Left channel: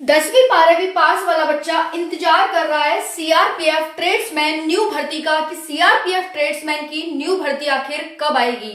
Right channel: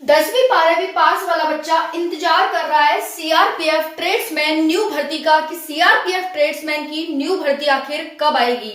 10वीं 12वीं पास वाला बच्चा इंतजार कर रहा है सीआरपीएफ ट्रेड्समैन न्यू भर्ती का कि सीआरपीएफ ट्रेड्समैन की न्यू भर्ती आखिर कब आएगी।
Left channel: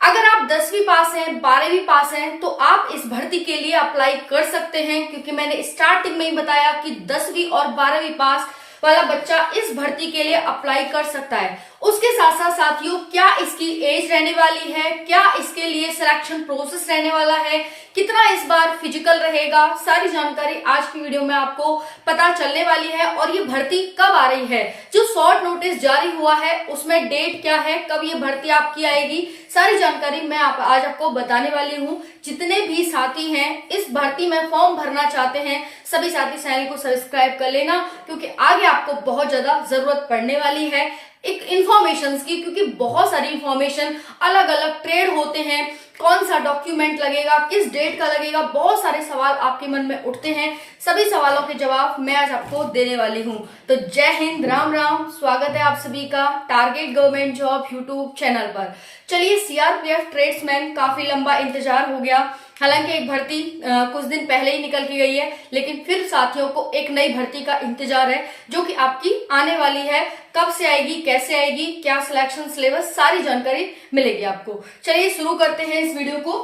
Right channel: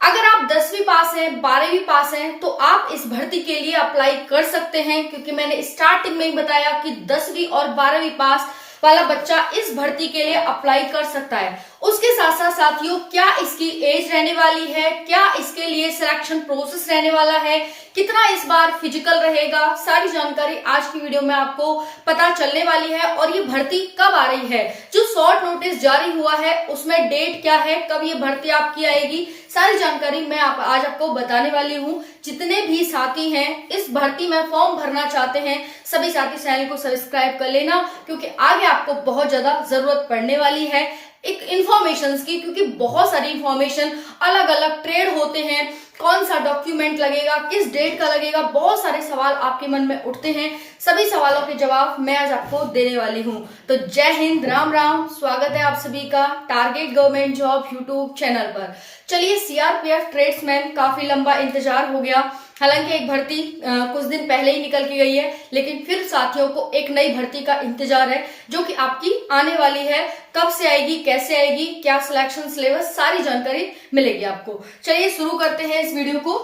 अगर आप 10वीं पास हैं 12वीं पास हैं तो आप इस भर्ती के लिए अप्लाई कर सकते हैं, क्योंकि मैंने स्टार्टिंग में ही बताया कि 10वीं और 12वीं पास वाला बच्चा इस भर्ती के लिए अप्लाई कर सकता है। उसके साथ साथ साथियों, क्या इसकी एज रहने वाली है, क्या इसके लिए सिलेक्शन प्रोसेस रहने वाला है, कितना इस बार फिजिकल रहेगा, सारी जानकारी आज की वीडियो में आपको पता चलने वाली है। और ये भर्ती कब आ रही है, जो शॉर्ट नोटिस जारी हुआ है उसमें डेट क्या है, कब ये भर्ती आपकी आएगी, सारी जानकारी मैं आज आपको बताने वाली हूँ। जितने भी साथी हैं इस भर्ती में फॉर्म भरना चाहते हैं, सभी साथी चैनल को सब्सक्राइब कर लेना, क्योंकि आगे आपको बहुत ज्यादा जरूरत पड़ने वाली है एक इंफॉर्मेशन की, क्योंकि बहुत सारी इंफॉर्मेशन, अलग अलग ट्रेड होते हैं, कौन सा डॉक्यूमेंट लगेगा, किस डेट का लगेगा, बहुत सारे सवाल आपके मन में उठते हैं। सभी सवालों के जवाब मैं आज आपको देने वाली हूं। तो जय हिंद, राम राम, स्वागत है आप सभी का target government job YouTube channel पर। चलिए, सीआरपीएफ ट्रेड्समैन काफी लंबा इंतजार हो गया। हालांकि एक भर्ती कुछ दिन पहले ही निकल के गई है, लेकिन फिर साथियों को एक नई भर्ती का इंतजार है जो कि आपकी आने वाली है। कब से आएगी, कैसे आएगी, क्या सिलेक्शन सिलेबस, सारी जानकारी मिलेगी आपको। चलिए शुरू करते हैं इस वीडियो को।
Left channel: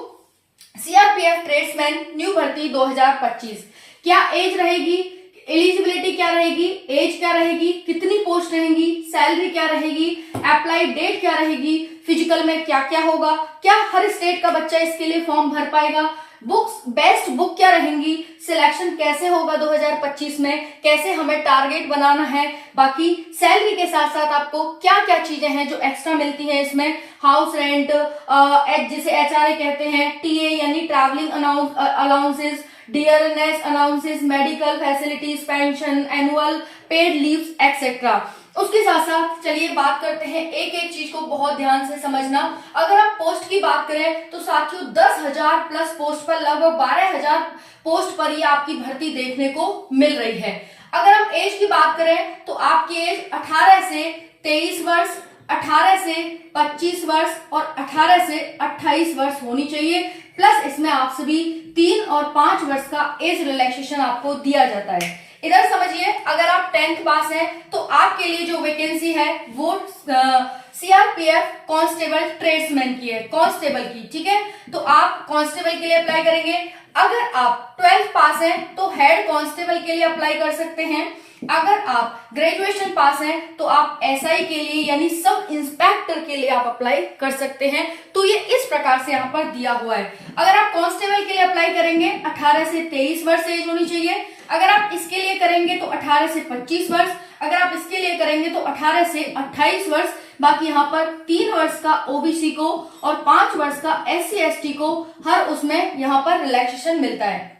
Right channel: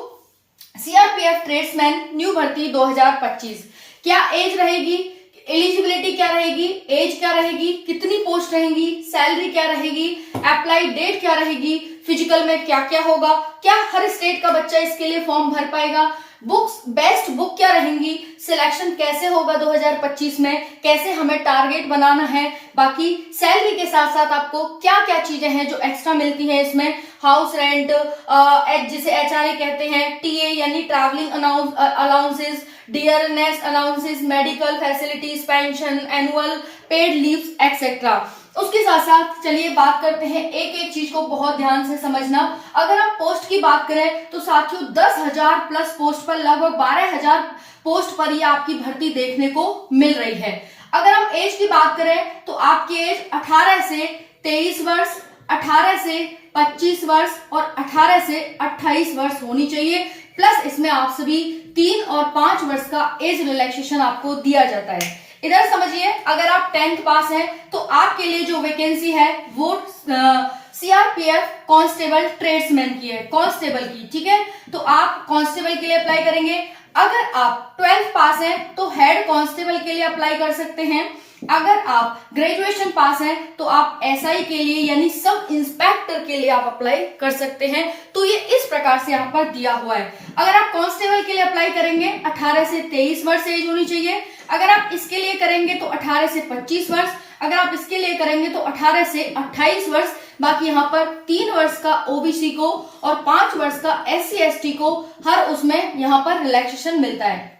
सीआरपीएफ ट्रेड्समैन न्यू भर्ती 2025, क्या एज रहेगी, एलिजिबिलिटी क्या रहेगी, एज क्या रहेगी, कितनी पोस्ट रहेंगी, सैलरी क्या रहेगी, अप्लाई डेट क्या रहेगी, फिजिकल में क्या क्या होगा, क्या हर स्टेट का बच्चा इसके लिए फॉर्म भर पाएगा, बुक्स, बेस्ट बुक क्या रहेंगी, सिलेक्शन कैसे होगा 2025 में, कैसे हमें टारगेट बनाना है, बाकी सैलरी के साथ साथ आपको क्या क्या चीजें हैं जो एक्स्ट्रा मिलती हैं इसमें, हाउस रेंट, जिसे एचआरए कहते हैं, टीए यानी travelling allowances, dearness allowances, medical facilities, pension, annual paid leaves etcetera. उसके साथ साथ चलिए बात करते हैं, एक एक चीज को बहुत ध्यान से समझना। अगर हम पोस्ट की बात करें तो साथियों 10,000 प्लस पोस्ट पर लगभग 12,000 पोस्ट पर ये आपकी भर्ती देखने को मिल रही है। अगर हम एज की बात करें तो आपकी एज 18 से 23 वर्ष, 18 से 25 वर्ष और 18 से 28 वर्ष होनी चाहिए। प्लस इसमें आप सभी 3 और 5 वर्ष का एज रिलैक्सेशन आपको दिया जाता है। इधर समझिए, अगर आप 10th पास हैं तो आपके लिए जो वैकेंसी है वो सीआरपीएफ कांस्टेबल ट्रेड्समैन की है, कांस्टेबल की, ठीक है। तो आप कांस्टेबल के लिए अप्लाई करेंगे। अगर आप 12th पास हैं तो हेड कांस्टेबल के लिए अप्लाई कर सकते हैं। अगर आप ग्रेजुएशन पास हैं तो आप एसआई के लिए यानी सब इंस्पेक्टर के लिए आप अप्लाई कर सकते हैं। तो ये इस प्रकार से यहाँ पर दिया हुआ है। अगर आप कांस्टेबल के लिए अप्लाई करेंगे 18 से 23 वर्ष एज होनी चाहिए। अगर आप इसके लिए करेंगे तो 18 से 25 वर्ष, अगर आप इसके लिए करेंगे तो 18 से 28 वर्ष। बाकी यहाँ पर 3 वर्ष का ओबीसी को और 5 वर्ष का एससी एसटी को हर उसमें यहाँ पर रिलैक्सेशन मिलता है।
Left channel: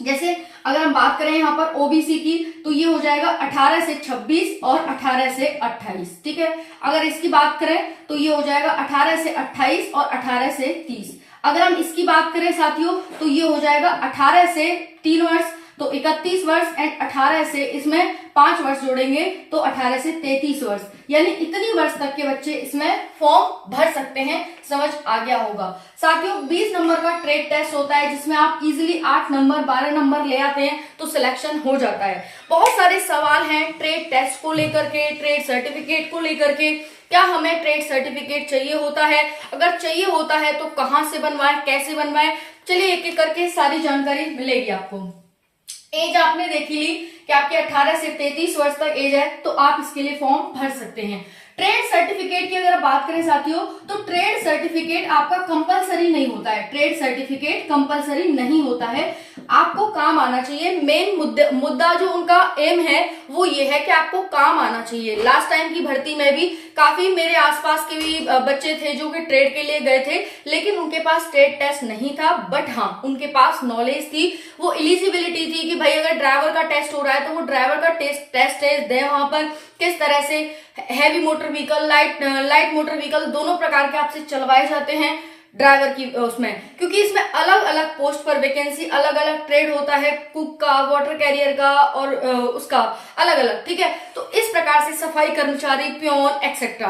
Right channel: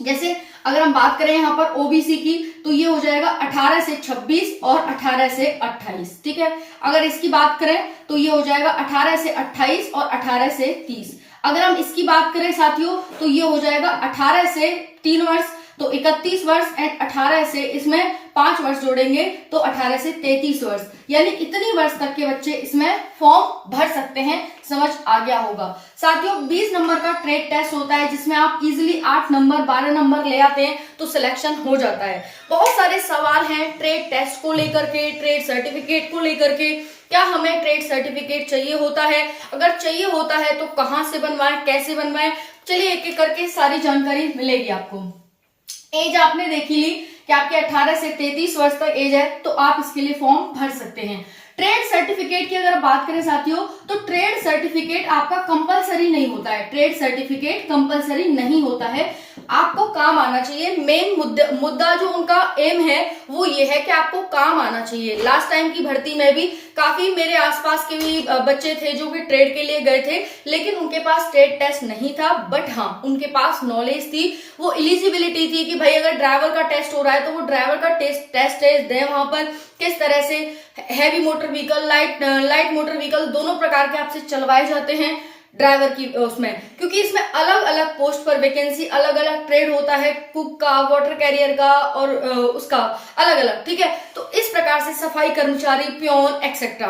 जैसे अगर हम बात करें यहाँ पर ओबीसी की तो ये हो जाएगा 18 से 26 और 18 से 28, ठीक है। अगर इसकी बात करें तो ये हो जाएगा 18 से 28 और 18 से 30। अगर हम इसकी बात करें साथियों तो ये हो जाएगा 18 से 3 वर्ष तो 31 वर्ष एंड 18 से इसमें 5 वर्ष जोड़ेंगे तो 18 से 33 वर्ष, यानी इतनी वर्ष तक के बच्चे इसमें फॉर्म भर सकते हैं। समझ आ गया होगा साथियों। 20 नंबर का ट्रेड टेस्ट होता है जिसमें आप इजीली 8 नंबर 12 नंबर ले आते हैं तो सिलेक्शन हो जाता है। बहुत सारे सवाल हैं ट्रेड टेस्ट को लेकर के, ट्रेड सर्टिफिकेट को लेकर के। क्या हमें ट्रेड सर्टिफिकेट चाहिए होता है, अगर चाहिए होता है तो कहाँ से बनवाएं, कैसे बनवाएं, चलिए एक एक करके सारी जानकारी मिलेगी आपको। एज आपने देखी ली कि आपके 18 से 33 वर्ष तक एज है तो आप इसके लिए फॉर्म भर सकते हैं। ट्रेड सर्टिफिकेट की अगर बात करें साथियों तो ट्रेड सर्टिफिकेट आपका कंपलसरी नहीं होता है। ट्रेड सर्टिफिकेट कंपलसरी नहीं होता है, आपको काम आना चाहिए। मेन मुद्दा जो उनका एम है वो ये है कि आपको काम आना चाहिए। लास्ट टाइम की भर्ती में भी काफी मेरे आसपास के भी बच्चे थे जो कि ट्रेड के लिए गए थे, लेकिन उनके पास ट्रेड टेस्ट नहीं था, बट हाँ उनके पास नॉलेज थी, वो एलिजिबिलिटी थी कि भाई अगर ड्राइवर का टेस्ट हो रहा है तो वो ड्राइवर का टेस्ट दे, वहां पर किस तरह से heavy motor vehicle, light motor vehicle दोनों प्रकार के आपसे चलवाए जाते हैं ड्राइवर की उसमें, क्योंकि इसमें अलग अलग पोस्ट पर वैकेंसी, अलग अलग ट्रेड होता है, कुक का, वाटर कैरियर का और उसका अलग अलग, ठीक है। तो इस प्रकार से सफाई कर्मचारी, प्योन एक्सेट्रा।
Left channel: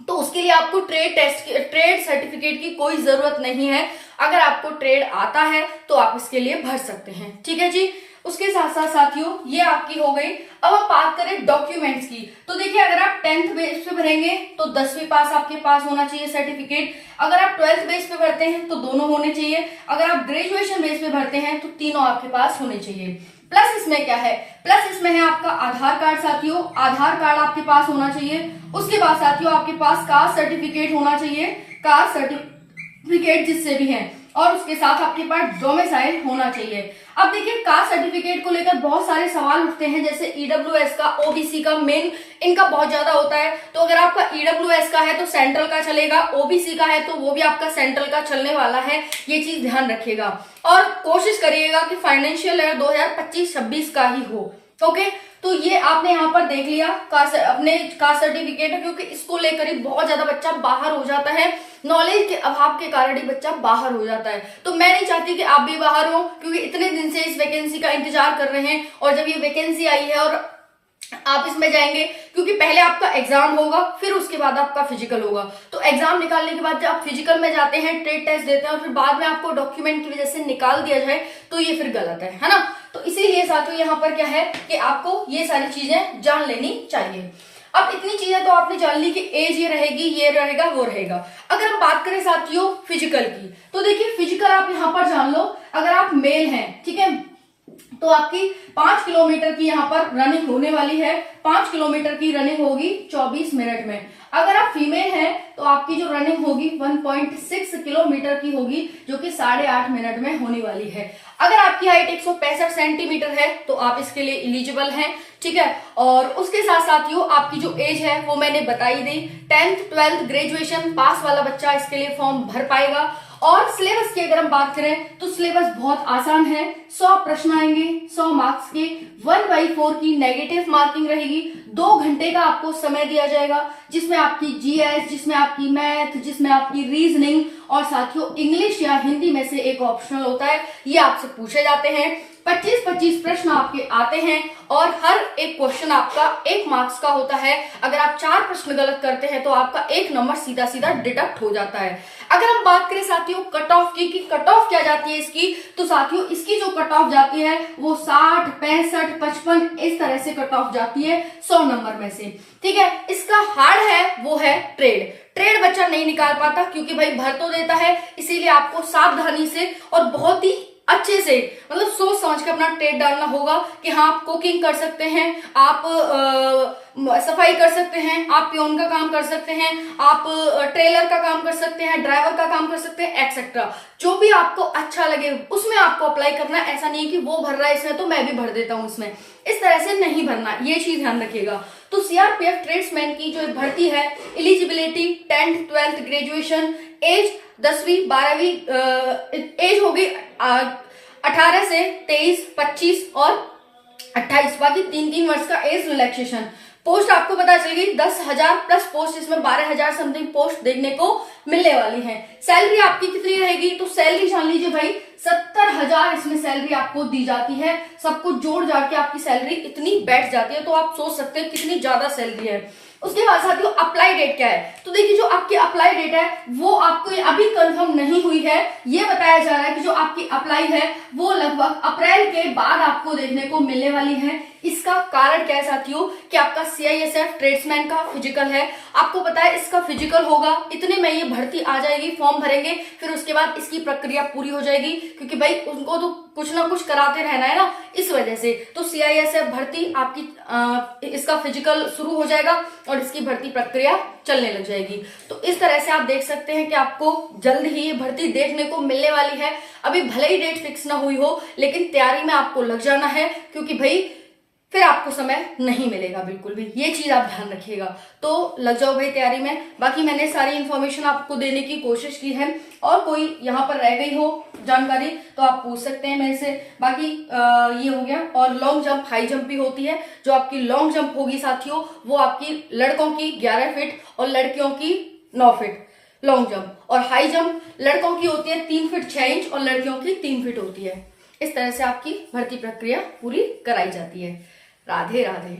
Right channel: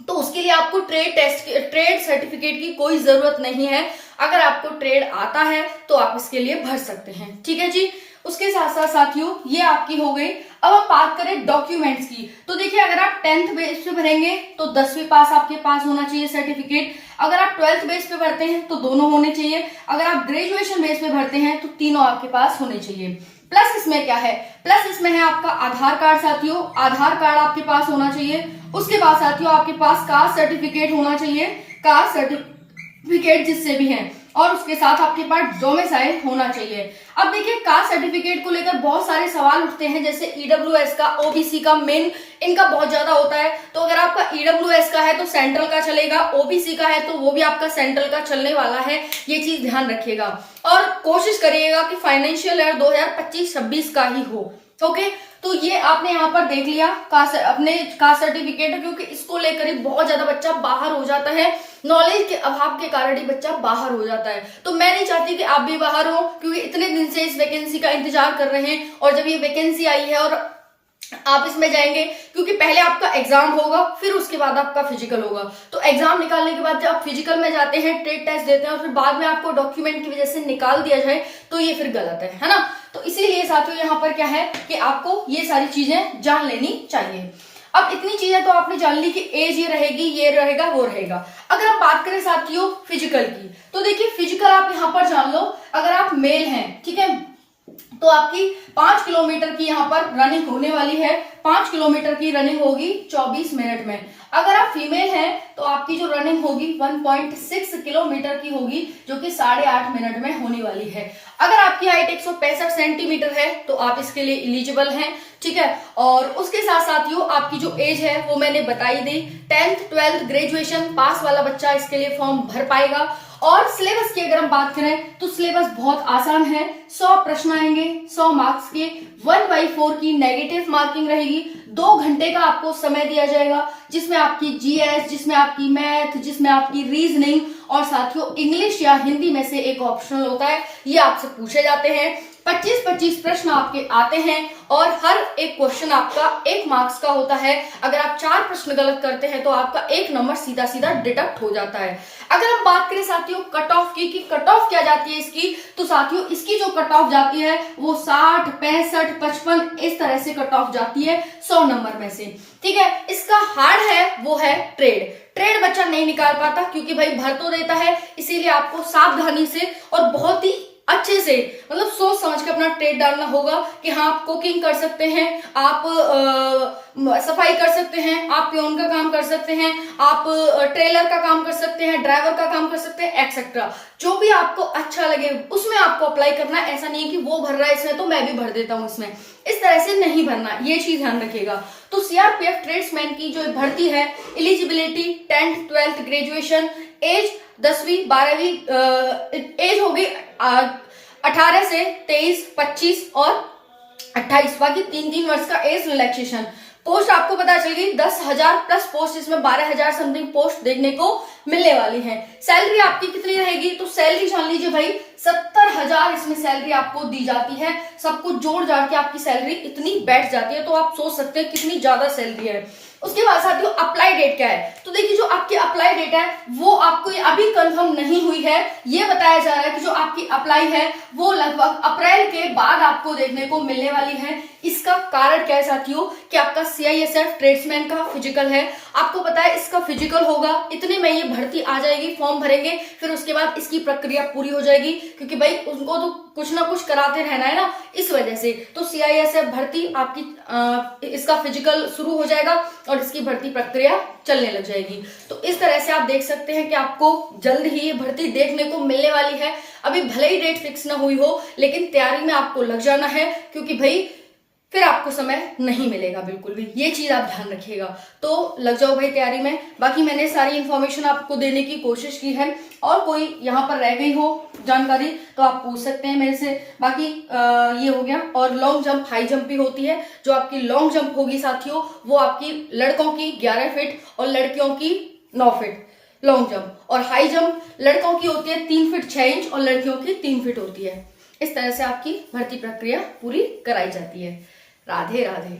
तो उसके लिए आपको ट्रेड सर्टिफिकेट की कोई जरूरत नहीं है। अगर आपको ट्रेड आता है तो आप इसके लिए भर सकते हैं। ठीक है जी। उसके साथ साथ साथियों ये आपकी हो गई। अब हम बात करें डॉक्यूमेंट्स की, तो देखिए अगर आप 10th बेस पे भरेंगे तो 10वीं पास आपके पास होना चाहिए सर्टिफिकेट। अगर आप 12th बेस पे भरते हैं तो दोनों होने चाहिए। अगर आप ग्रेजुएशन बेस पे भरते हैं तो तीनों आपके पास होने चाहिए। प्लस इसमें क्या है, प्लस इसमें है आपका आधार कार्ड साथियों, आधार कार्ड आपके पास होना चाहिए। उसके बाद साथियों आपके पास कास्ट सर्टिफिकेट होना चाहिए, कास्ट सर्टिफिकेट जिससे भी है, और उसके साथ आपके पास डोमिसाइल होना चाहिए। अब देखिए कास्ट सर्टिफिकेट को लेकर बहुत सारे सवाल उठते हैं, जैसे ईडब्ल्यूएस का, ओबीसी का, मेन इनका बहुत ज्यादा होता है। तो अगर आपका ईडब्ल्यूएस का है तो सेंट्रल का चलेगा, ओबीसी का है तो वो भी आपका सेंट्रल का चलने वाला है, ये चीज ध्यान रखिएगा। और कोशिश करिएगा कि फाइनेंशियल ईयर 2025-26 का ही हो। ओके, तो ये आपने यहाँ पर देख लिया अपने कास्ट सर्टिफिकेट, क्योंकि इसको लेकर ही बहुत ज्यादा बच्चा बाहर हो जाता है, नॉलेज के अभाव के कारण ही बच्चा बाहर हो जाता है। तो मैं नहीं चाहती कि आप भी बाहर हो, क्योंकि इतने दिन से इस वैकेंसी का इंतजार कर रहे हैं, और जब ये वैकेंसी आई है और आप इसमें जाएंगे, क्योंकि पहले आपका एग्जाम होगा फिर उसके बाद आपका फिजिकल होगा। तो एग्जाम निकालने के बाद जब आप फिजिकल में जाते हैं, ट्रेड टेस्ट देते हैं, और फिर बाद में आपको डॉक्यूमेंट की वजह से निकाल दिया जाए तो ये फिर गलत है ना। तो इसीलिए साथियों यहाँ पर क्या है कि आपको ये सारी चीजें जान लेनी चाहिए। अब इतनी चीजें तो आपने जान ली कि एज ये रहेगी, ये रहेगा, वो रहेगा। अगर हम बात करें साथियों फिजिकल की, तो देखिए फिजिकल आप यहाँ पर जान लो, अगर आप मेल हैं, ठीक है, तो आपकी 5 किलोमीटर की यहाँ पर रनिंग होने वाली है। 5 किलोमीटर की रनिंग होगी 24 मिनट में। अगर आप फीमेल हैं तो आपकी जो रनिंग होगी 1.6 किलोमीटर की होगी, जो कि 8.5 मिनट में होने वाली है। अगर आपकी हाइट 165 सेंटीमीटर है तो आप इसके लिए एलिजिबल हैं। ठीक है, और उसके साथ साथियों आपकी जो एज है वो मैंने बताई दी। 10th 12th ग्रेजुएशन पास वाला बच्चा इसके लिए फॉर्म भर पाएगा। और सिलेबस की अगर हम बात करें तो सिलेबस बहुत आसान है। 100 प्रश्न आएंगे 100 मार्क्स के, 1/4 की नेगेटिव मार्किंग रहेगी। 2 घंटे का आपको समय दिया जाएगा, जिसमें आपकी जीएस, जिसमें आपकी मैथ, जिसमें आपकी रीजनिंग, और साथियों इंग्लिश या हिंदी में से एक ऑप्शनल होता है, ये आपसे पूछे जाते हैं। 25-25 प्रश्न आपके आते हैं, और हर एक क्वेश्चन आपका 1 मार्क्स का होता है। अगर आप 4 प्रश्न गलत करते हैं तो आपका 1 नंबर सीधा सीधा डिडक्ट हो जाता है। अगर हम बात करें साथियों कट ऑफ की, कि कट ऑफ क्या जाती है इसकी, तो साथियों इसकी जो कट ऑफ जाती है वो 60, 65, 55 इस तरह से कट ऑफ जाती है 100 नंबर में से। ठीक है, इसका हार्ड है वो है ट्रेड बच्चा नहीं निकाल पाता, क्योंकि भाई भर तो देता है, इसीलिए आपको सावधानी से और बहुत ही अच्छे से, मतलब सोच समझ के अपना ट्रेड डालना होगा कि हाँ आप कुकिंग कर सकते हैं, आप सफाई कर सकते हैं, आप पियोन का काम कर सकते हैं, आप ट्रेलर का काम कर सकते हैं, ड्राइवर का काम कर सकते हैं, एक्सेट्रा। जो भी आपको अच्छा लगे उसमें आपको अप्लाई करना है। ऐसा नहीं है कि वो भर रहा है इसमें तो मैं भी भर देता हूं इसमें, इस तरह से नहीं भरना, ये चीज ध्यान रखिएगा। तो सीआरपीएफ ट्रेड्समैन की जो भर्ती है, eligibility 10th 12th graduation, as 10वीं 12वीं, एज होगी 18 से 23, 25 और 28, बाकी 3-3 वर्ष का एज रिलैक्सेशन। पोस्ट आपको पता चल गई 10,000 प्लस पोस्ट, इसमें 12,000 समथिंग पोस्ट देखने को मिलने वाली है। सैलरी आपकी कितनी रहेगी, तो सैलरी जान लीजिए भाई 70,000 इसमें सैलरी आपको दी जाती है। सब कुछ जोड़ जाड़ के आपकी सैलरी इतनी बैठ जाती है, तो आप सोच सकते हैं कितनी ज्यादा सैलरी है। उसके बाद साथियों अप्लाई डेट क्या है, तो देखिए जो आपकी अप्लाई डेट है वो आपको अभी कंफर्म नहीं हुई है। ये बताया जा रहा है कि जो आपकी अप्लाई है वो लगभग अप्रैल के बाद आपको देखने को मिलने वाली है। इसका कारण क्या है साथियों, कि आपका सीआईएसएफ ट्रेड्समैन का फिजिकल है। आपको पता है इसका फिजिकल होगा, इतने में ये भर्ती आ जाएगी, फॉर्म भरेंगे, फिर उसके बाद इसकी प्रक्रिया पूरी हो जाएगी, क्योंकि भाई उनको तो कुछ ना कुछ कराते रहना है ना, इस वजह से। तो सीआईएसएफ भर्ती आपकी इसका फिजिकल शुरू हो जाएगा और इसकी भर्ती प्रक्रिया चलने लग जाएगी। तो इस तरह से आप देख सकते हैं कि आपको जल्द ही ये भर्ती देखने को मिलने वाली है। अभी भले ही डेट फिक्स ना हुई हो, लेकिन तैयारी में आपको लग जाना है, क्योंकि भाई फिर आपको समय नहीं मिलेगा बिल्कुल भी, ये चीज आप ध्यान रखिएगा। तो लग जाओ भाई तैयारी में। बाकी मैंने सारी इन्फॉर्मेशन आपको देने की कोशिश की है, और कोई यहाँ पर रह गई हो जानकारी तो आप पूछ सकते हैं मेरे से। बाकी ये हो गया। और लॉन्ग जंप हाई जंप भी होती है। जो आपकी लॉन्ग जंप होगी साथियों वो आपकी लड़कों की 11 फीट और लड़कियों की 9 फीट लॉन्ग जंप, और हाई जंप लड़कों की होती है 3 फीट 6 इंच और लड़कियों की 3 फीट होती है। इस तरह से आपकी भर्ती प्रक्रिया पूरी कराई जाती है। राधे राधे।